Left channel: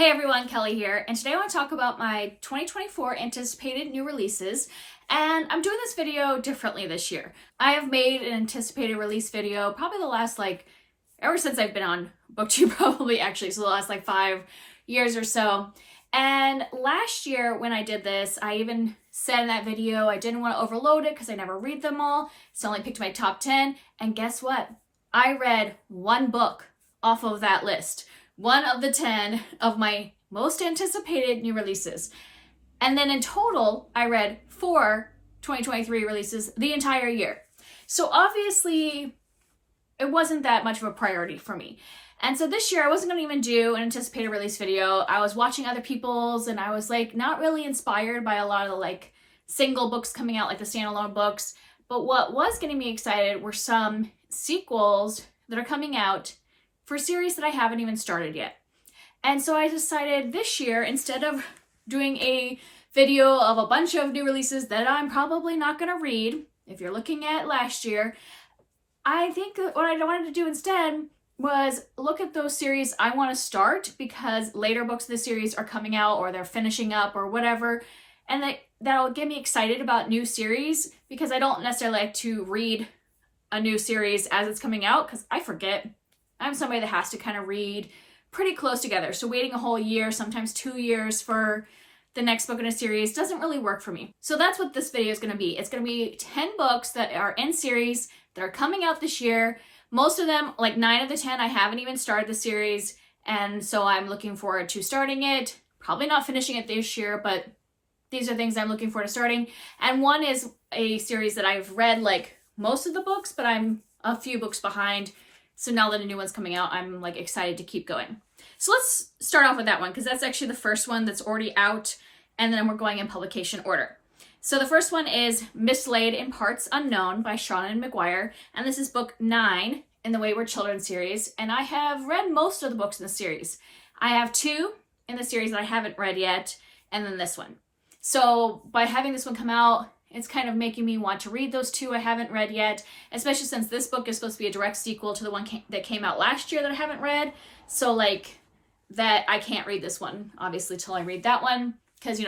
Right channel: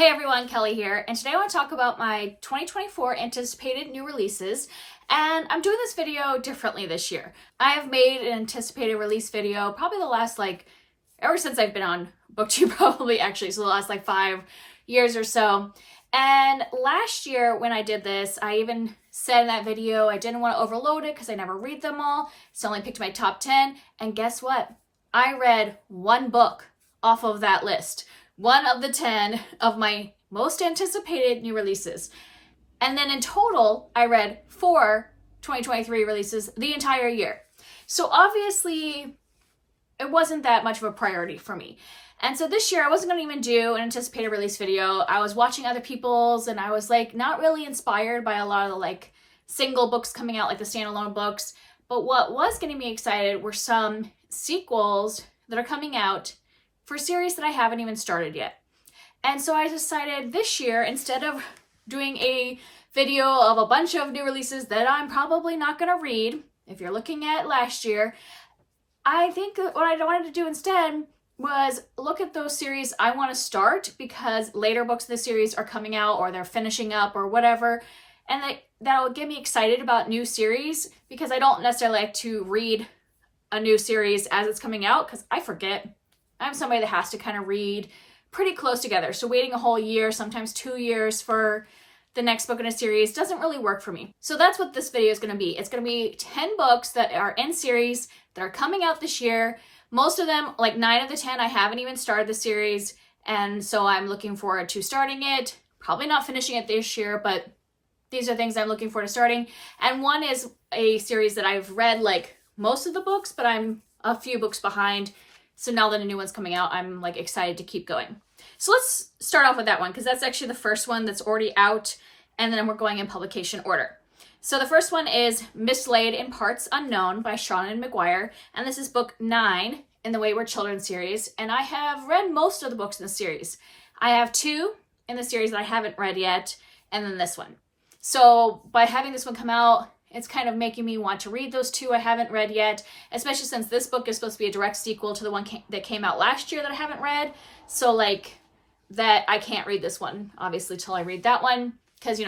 Hey everyone, Kelly here, and today I want to talk about my 2024 anticipated new releases, and I'm doing this video differently this year. I have made an anticipated release video probably the last ever since I've been on BookTube probably actually, so the last 5 years or so. And last year when I did this, I even said in that video I didn't want to overload it because I never read them all, so I only picked my top 10, and guess what? I read one book off of that list. One of the 10 of my most anticipated new releases. And then in total, I read 4 2023 releases the entire year. So obviously, it wasn't that much of a priority for me. And so this year, I wasn't going to even do an anticipated release video. I was watching other people's, and I was not really inspired by a lot of the single books coming out, the standalone books. But what was getting me excited were some sequels that are coming out for a series that I haven't even started yet. And so I decided this year, instead of doing a video of a bunch of new releases that I'm probably not going to read, if you're looking at last year, I think what I wanted to do instead was look at those series I want to start because later books of the series are coming out or they're finishing up or whatever, and that'll get me excited about new series because I don't necessarily like to read a new series as it's coming out because I forget. I'm somebody that has to kind of read pretty close together. So waiting a whole year, sometimes 2 years for the next book in a series doesn't really work for me. So that's what this video is going to be. It's going to be 10 books that are in series that are coming out this year. Most of them, 9 of the 10, I haven't even started the series. And so I'm looking forward to starting it. Probably not finishing it this year, but these are things I'm looking forward to starting. And one is a series that I've read most of the books, but I'm a few books behind. So now that a new one's coming out, I'm excited to keep going. So let's start off with that one because that's actually the first one that's already out, and then we're going in publication order. So the first one is Mislaid in Parts Unknown by Sheen Lind, and this is book 9 in the Wayward Children series, and I have read most of the books in the series. I have 2 in the series that I haven't read yet, and then this one. So by having this one come out, it's kind of making me want to read those 2 I haven't read yet, especially since this book is supposed to be a direct sequel to the one that came out last year that I haven't read. So that I can't read this one, obviously, till I read that one. Because, you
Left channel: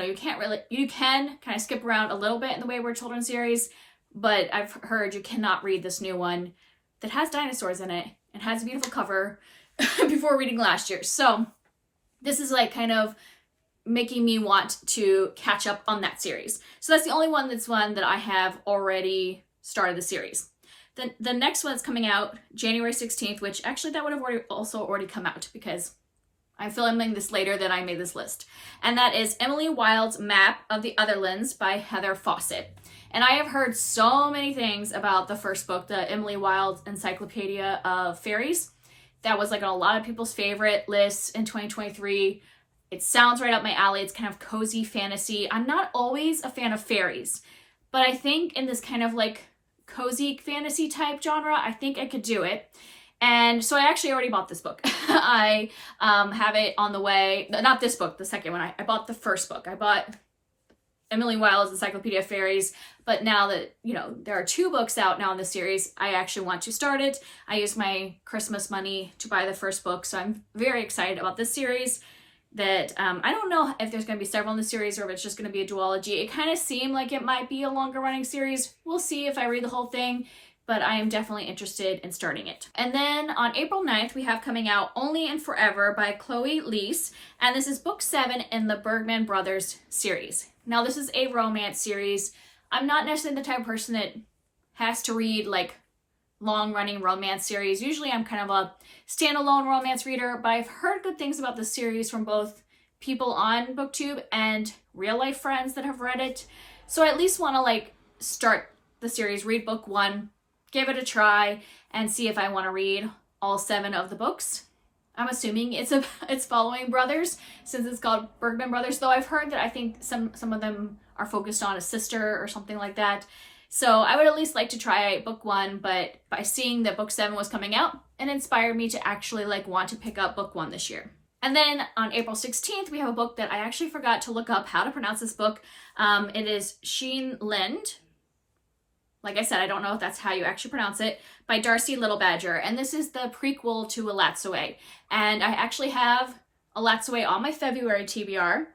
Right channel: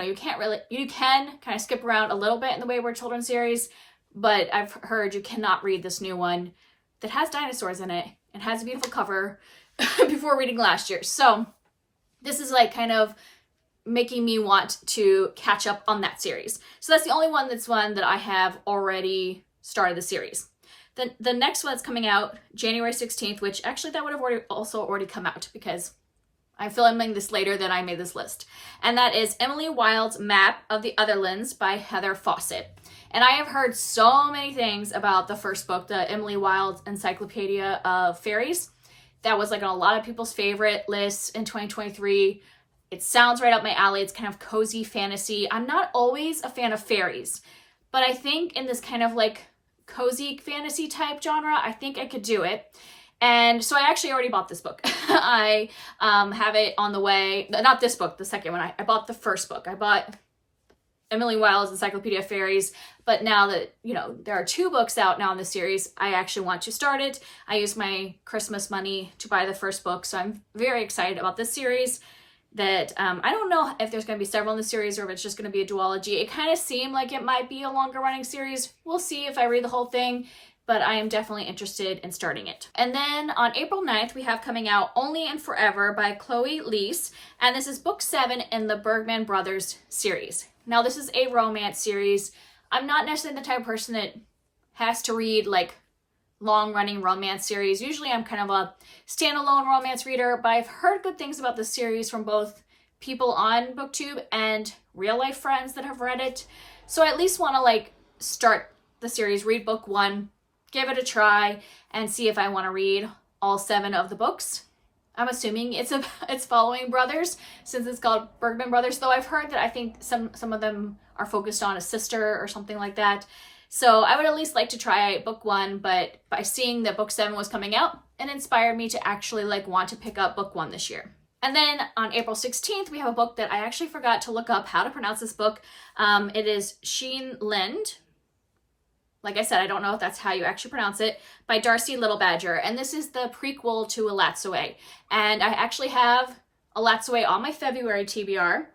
can kind of skip around a little bit in the Wayward Children series, but I've heard you cannot read this new one that has dinosaurs in it and has a beautiful cover before reading last year. So this is kind of making me want to catch up on that series. So that's the only one that I have already started the series. Then the next one that's coming out January 16th, which actually that would have already come out because I'm filming this later than I made this list. And that is Emily Wilde's Map of the Otherlands by Heather Fawcett. And I have heard so many things about the first book, the Emily Wilde's Encyclopedia of Fairies. That was on a lot of people's favorite lists in 2023. It sounds right up my alley. It's kind of cozy fantasy. I'm not always a fan of fairies, but I think in this kind of cozy fantasy type genre, I think I could do it. And so I actually already bought this book. I have it on the way. Not this book, the second one. I bought the first book. I bought Emily Wilde's Encyclopedia of Fairies. But now that, there are 2 books out now in the series, I actually want to start it. I used my Christmas money to buy the first book. So I'm very excited about this series. That I don't know if there's going to be several in the series or if it's just going to be a duology. It kind of seemed like it might be a longer running series. We'll see if I read the whole thing, but I am definitely interested in starting it. And then on April 9th, we have coming out Only and Forever by Chloe Leese, and this is book 7 in the Bergman Brothers series. Now this is a romance series. I'm not necessarily the type of person that has to read long-running romance series. Usually I'm kind of a standalone romance reader, but I've heard good things about the series from both people on BookTube and real-life friends that have read it. So I at least want to start the series, read book 1, give it a try, and see if I want to read all 7 of the books. I'm assuming it's following brothers since it's called Bergman Brothers, though I've heard that I think some of them are focused on a sister or something like that. So I would at least like to try book 1, but by seeing that book 7 was coming out, it inspired me to actually want to pick up book 1 this year. And then on April 16th, we have a book that I actually forgot to look up how to pronounce this book. It is Sheen Lind. Like I said, I don't know if that's how you actually pronounce it, by Darcy Little Badger. And this is the prequel to A Lat's Away. And I actually have Alatsue on my February TBR,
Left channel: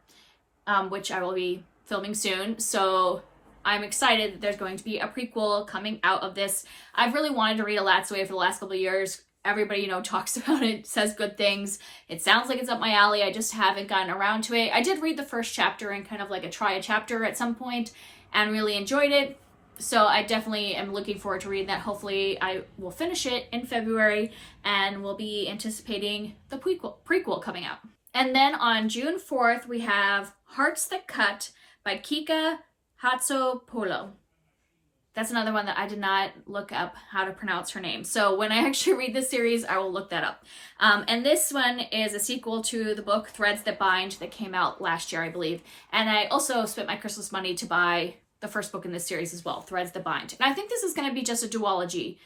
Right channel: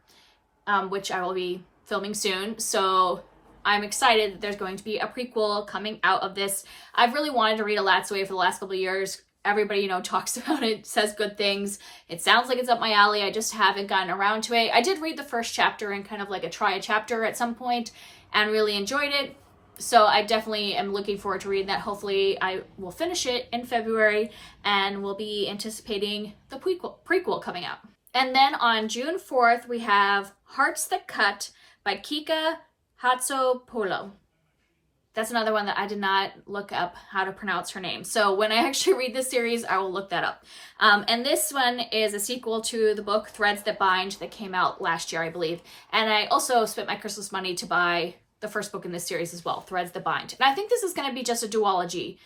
which I will be filming soon. So I'm excited that there's going to be a prequel coming out of this. I've really wanted to read Alatsue for the last couple of years. Everybody, you know, talks about it, says good things. It sounds like it's up my alley. I just haven't gotten around to it. I did read the first chapter and kind of like a chapter at some point and really enjoyed it. So I definitely am looking forward to reading that. Hopefully I will finish it in February and we'll be anticipating the prequel coming out. And then on June 4th, we have Hearts That Cut by Kika Hatsopolo. That's another one that I did not look up how to pronounce her name. So when I actually read this series, I will look that up. And this one is a sequel to the book Threads That Bind that came out last year, I believe. And I also spent my Christmas money to buy the first book in this series as well, Threads That Bind. And I think this is going to be just a duology.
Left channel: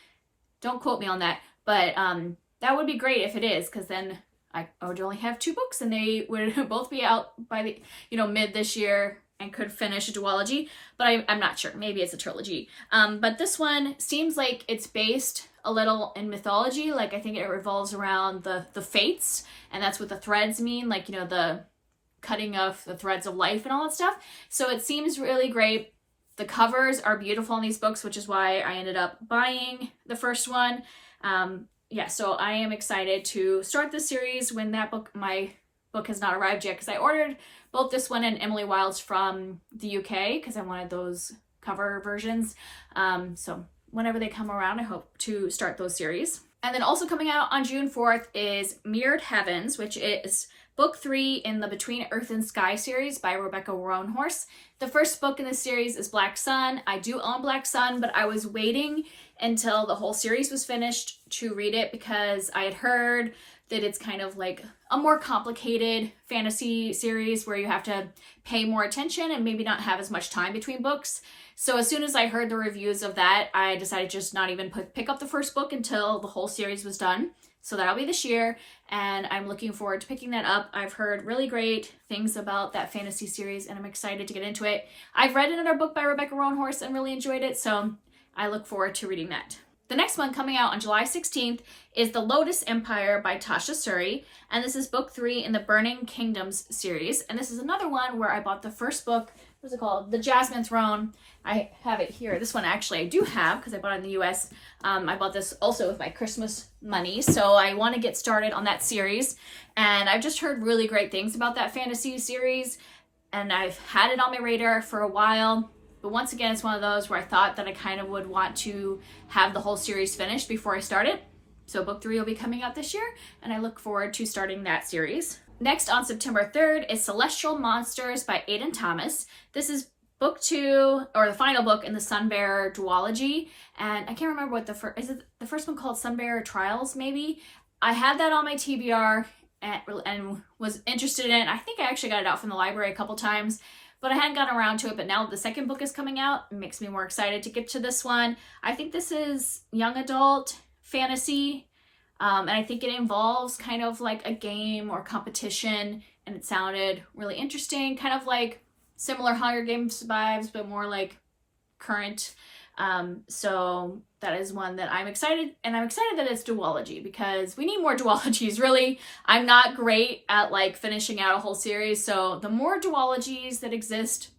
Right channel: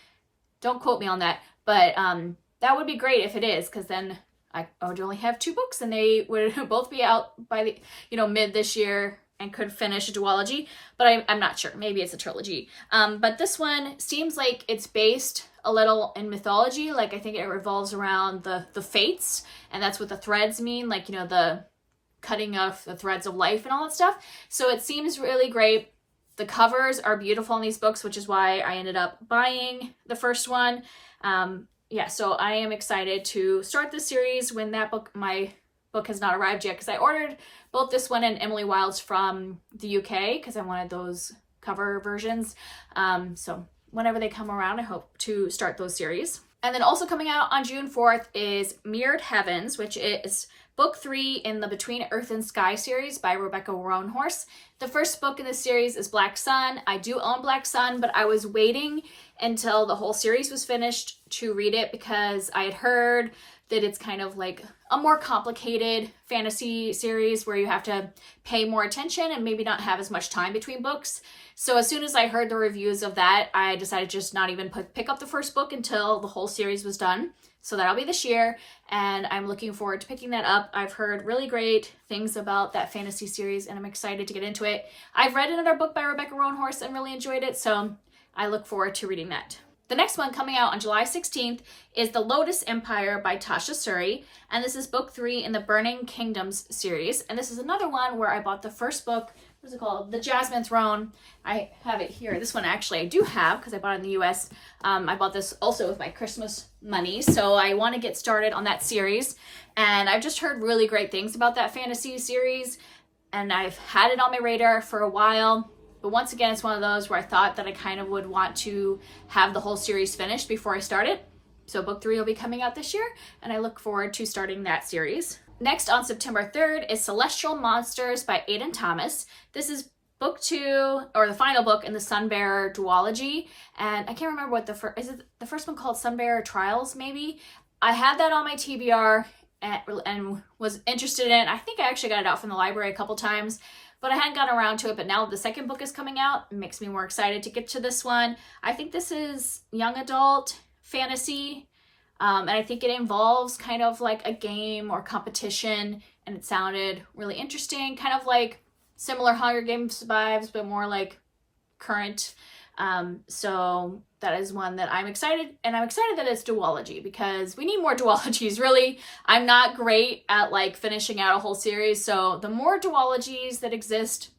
Don't quote me on that. But that would be great if it is, because then I would only have 2 books and they would both be out by the, you know, mid this year and could finish a duology, but I'm not sure. Maybe it's a trilogy. But this one seems like it's based a little in mythology. Like I think it revolves around the fates, and that's what the threads mean, like, you know, the cutting of the threads of life and all that stuff. So it seems really great. The covers are beautiful in these books, which is why I ended up buying the first one. Yeah, so I am excited to start this series when that book, my book has not arrived yet, because I ordered both this one and Emily Wilde's from the UK because I wanted those cover versions. So whenever they come around, I hope to start those series. And then also coming out on June 4th is Mirror Heavens, which is book 3 in the Between Earth and Sky series by Rebecca Roanhorse. The first book in this series is Black Sun. I do own Black Sun, but I was waiting until the whole series was finished to read it because I had heard that it's kind of like a more complicated fantasy series where you have to pay more attention and maybe not have as much time between books. So as soon as I heard the reviews of that, I decided just not even pick up the first book until the whole series was done. So that'll be this year, and I'm looking forward to picking that up. I've heard really great things about that fantasy series, and I'm excited to get into it. I've read another book by Rebecca Roanhorse and really enjoyed it, so I look forward to reading that. The next one coming out on July 16th is The Lotus Empire by Tasha Suri, and this is book 3 in the Burning Kingdoms series. And this is another one where I bought the first book. What's it called? The Jasmine Throne. I have it here. This one actually I do have because I bought it in the US. I bought this also with my Christmas money, so I want to get started on that series. And I've just heard really great things about that fantasy series, and I've had it on my radar for a while. But once again, it's one of those where I thought that I kind of would want to have the whole series finished before I start it. So book 3 will be coming out this year, and I look forward to starting that series. Next on September 3rd is Celestial Monsters by Aidan Thomas. This is book 2, or the final book in the Sunbearer duology. And I can't remember what is it the first one called Sunbearer Trials, maybe? I had that on my TBR and was interested in it. I think I actually got it out from the library a couple times, but I hadn't gotten around to it. But now the second book is coming out, it makes me more excited to get to this one. I think this is young adult fantasy, and I think it involves kind of like a game or competition, and it sounded really interesting, kind of like similar Hunger Games vibes, but more like current. So that is one that I'm excited, and I'm excited that it's duology because we need more duologies, really. I'm not great at like finishing out a whole series, so the more duologies that exist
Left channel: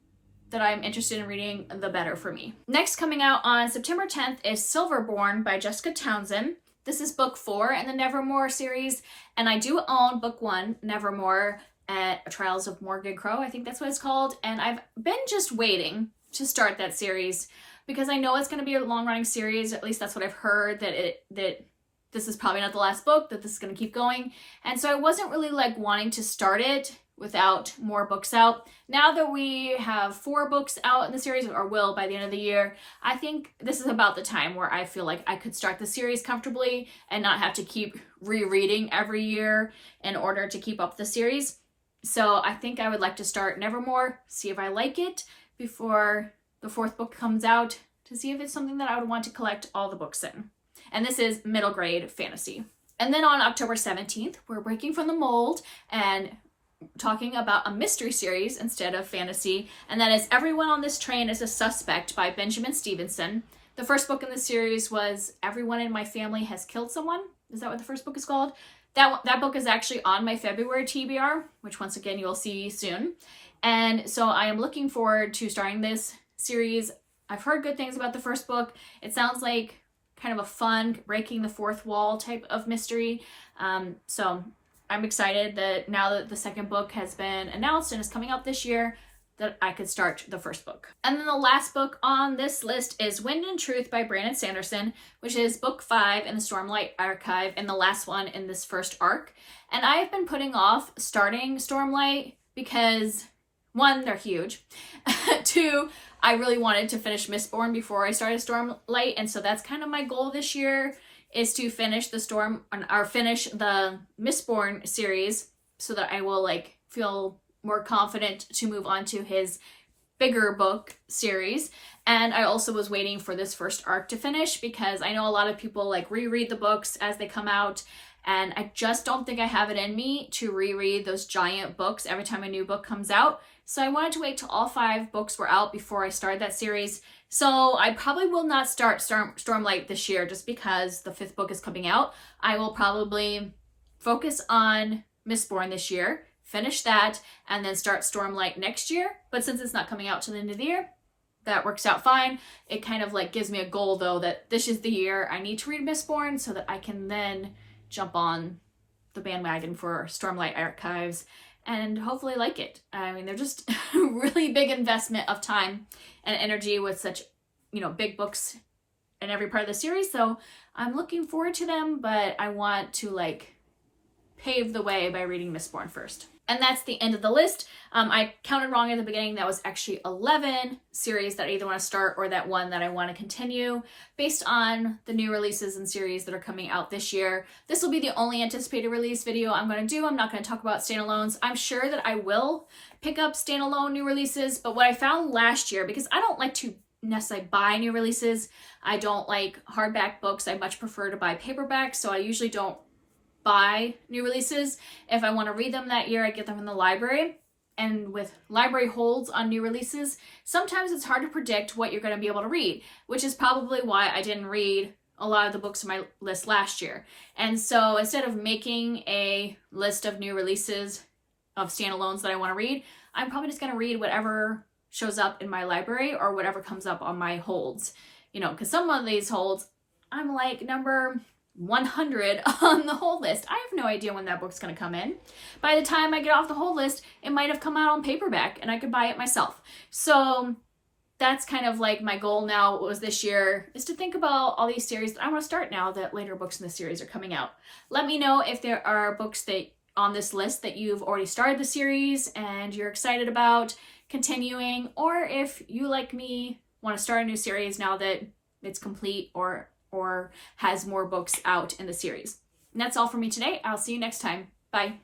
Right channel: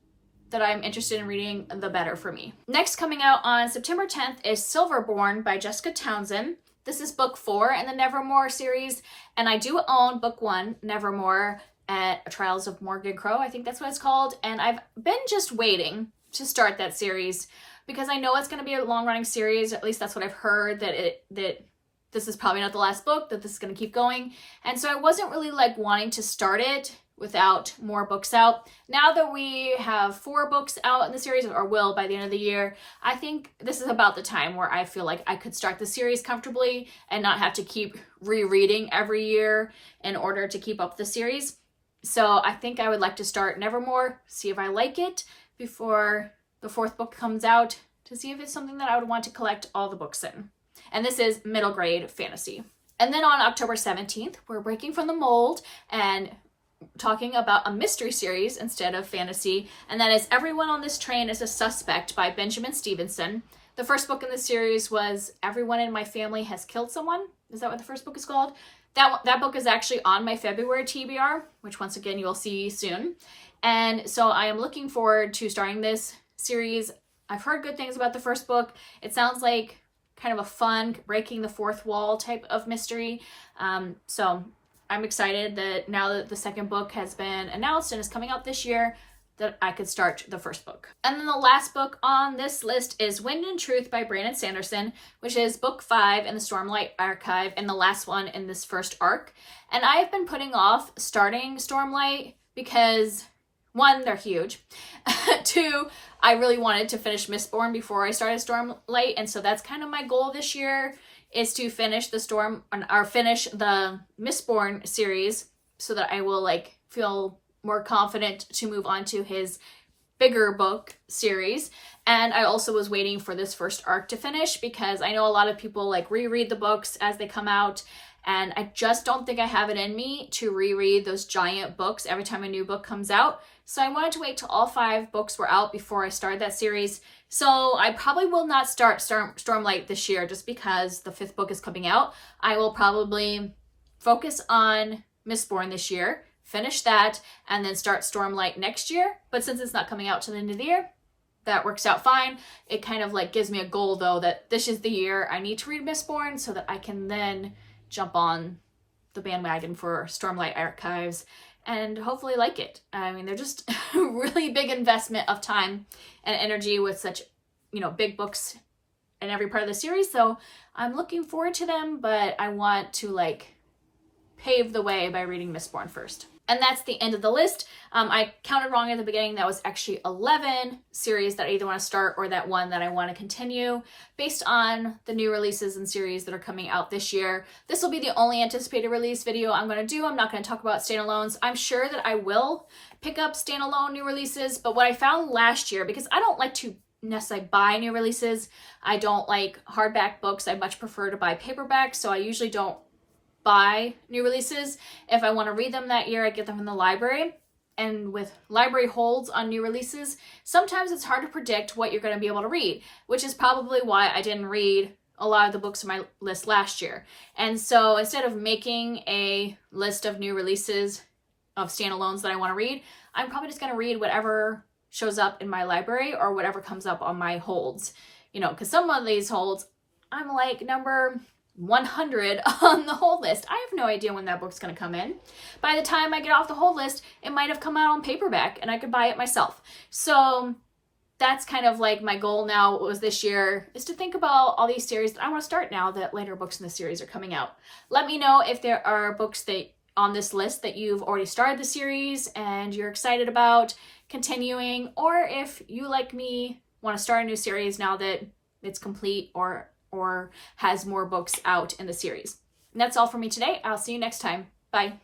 that I'm interested in reading, the better for me. Next coming out on September 10th is Silverborn by Jessica Townsend. This is book 4 in the Nevermore series, and I do own book 1, Nevermore, at Trials of Morgan Crow, I think that's what it's called, and I've been just waiting to start that series because I know it's going to be a long-running series. At least that's what I've heard, that this is probably not the last book, that this is going to keep going, and so I wasn't really like wanting to start it without more books out. Now that we have 4 books out in the series, or will by the end of the year, I think this is about the time where I feel like I could start the series comfortably and not have to keep rereading every year in order to keep up the series. So I think I would like to start Nevermore, see if I like it before the 4th book comes out, to see if it's something that I would want to collect all the books in. And this is middle grade fantasy. And then on October 17th, we're breaking from the mold and talking about a mystery series instead of fantasy, and that is Everyone on This Train is a Suspect by Benjamin Stevenson. The first book in the series was Everyone in My Family Has Killed Someone. Is that what the first book is called? That book is actually on my February TBR, which once again you will see soon. And so I am looking forward to starting this series. I've heard good things about the first book. It sounds like kind of a fun, breaking the fourth wall type of mystery. So I'm excited that now that the second book has been announced and is coming out this year, that I could start the first book. And then the last book on this list is Wind and Truth by Brandon Sanderson, which is book 5 in the Stormlight archive and the last one in this first arc. And I've been putting off starting Stormlight because 1, they're huge. 2, I really wanted to finish Mistborn before I started Stormlight, and so that's kind of my goal this year, is to finish the finish the Mistborn series so that I will like feel more confident to move on to his bigger book series. And I also was waiting for this first arc to finish because I know a lot of people like reread the books as they come out, and I just don't think I have it in me to reread those giant books every time a new book comes out. So I wanted to wait till all 5 books were out before I started that series. So I probably will not start Stormlight this year just because the 5th book is coming out. I will probably focus on Mistborn this year, finish that, and then start Stormlight next year. But since it's not coming out till the end of the year, that works out fine. It kind of like gives me a goal though that this is the year I need to read Mistborn so that I can then jump on the bandwagon for Stormlight archives and hopefully like it. I mean, they're just a really big investment of time and energy with such, big books in every part of the series. So I'm looking forward to them, but I want to like pave the way by reading Mistborn first. And that's the end of the list. I counted wrong at the beginning. That was actually 11 series that I either want to start or that one that I want to continue based on the new releases and series that are coming out this year. This will be the only anticipated release video I'm going to do. I'm not going to talk about standalones. I'm sure that I will pick up standalone new releases, but what I found last year, because I don't like to necessarily buy new releases, I don't like hardback books. I much prefer to buy paperbacks, so I usually don't buy new releases. If I want to read them that year, I get them from the library. And with library holds on new releases, sometimes it's hard to predict what you're going to be able to read, which is probably why I didn't read a lot of the books on my list last year. And so instead of making a list of new releases of standalones that I want to read, I'm probably just going to read whatever shows up in my library or whatever comes up on my holds. Because some of these holds, I'm like number 100 on the hold list. I have no idea when that book's going to come in. By the time I get off the hold list, it might have come out on paperback and I could buy it myself. So that's kind of like my goal now was this year, is to think about all these series that I want to start now that later books in the series are coming out. Let me know if there are books that on this list that you've already started the series and you're excited about continuing, or if you, like me, want to start a new series now that it's complete or has more books out in the series. And that's all for me today. I'll see you next time. Bye.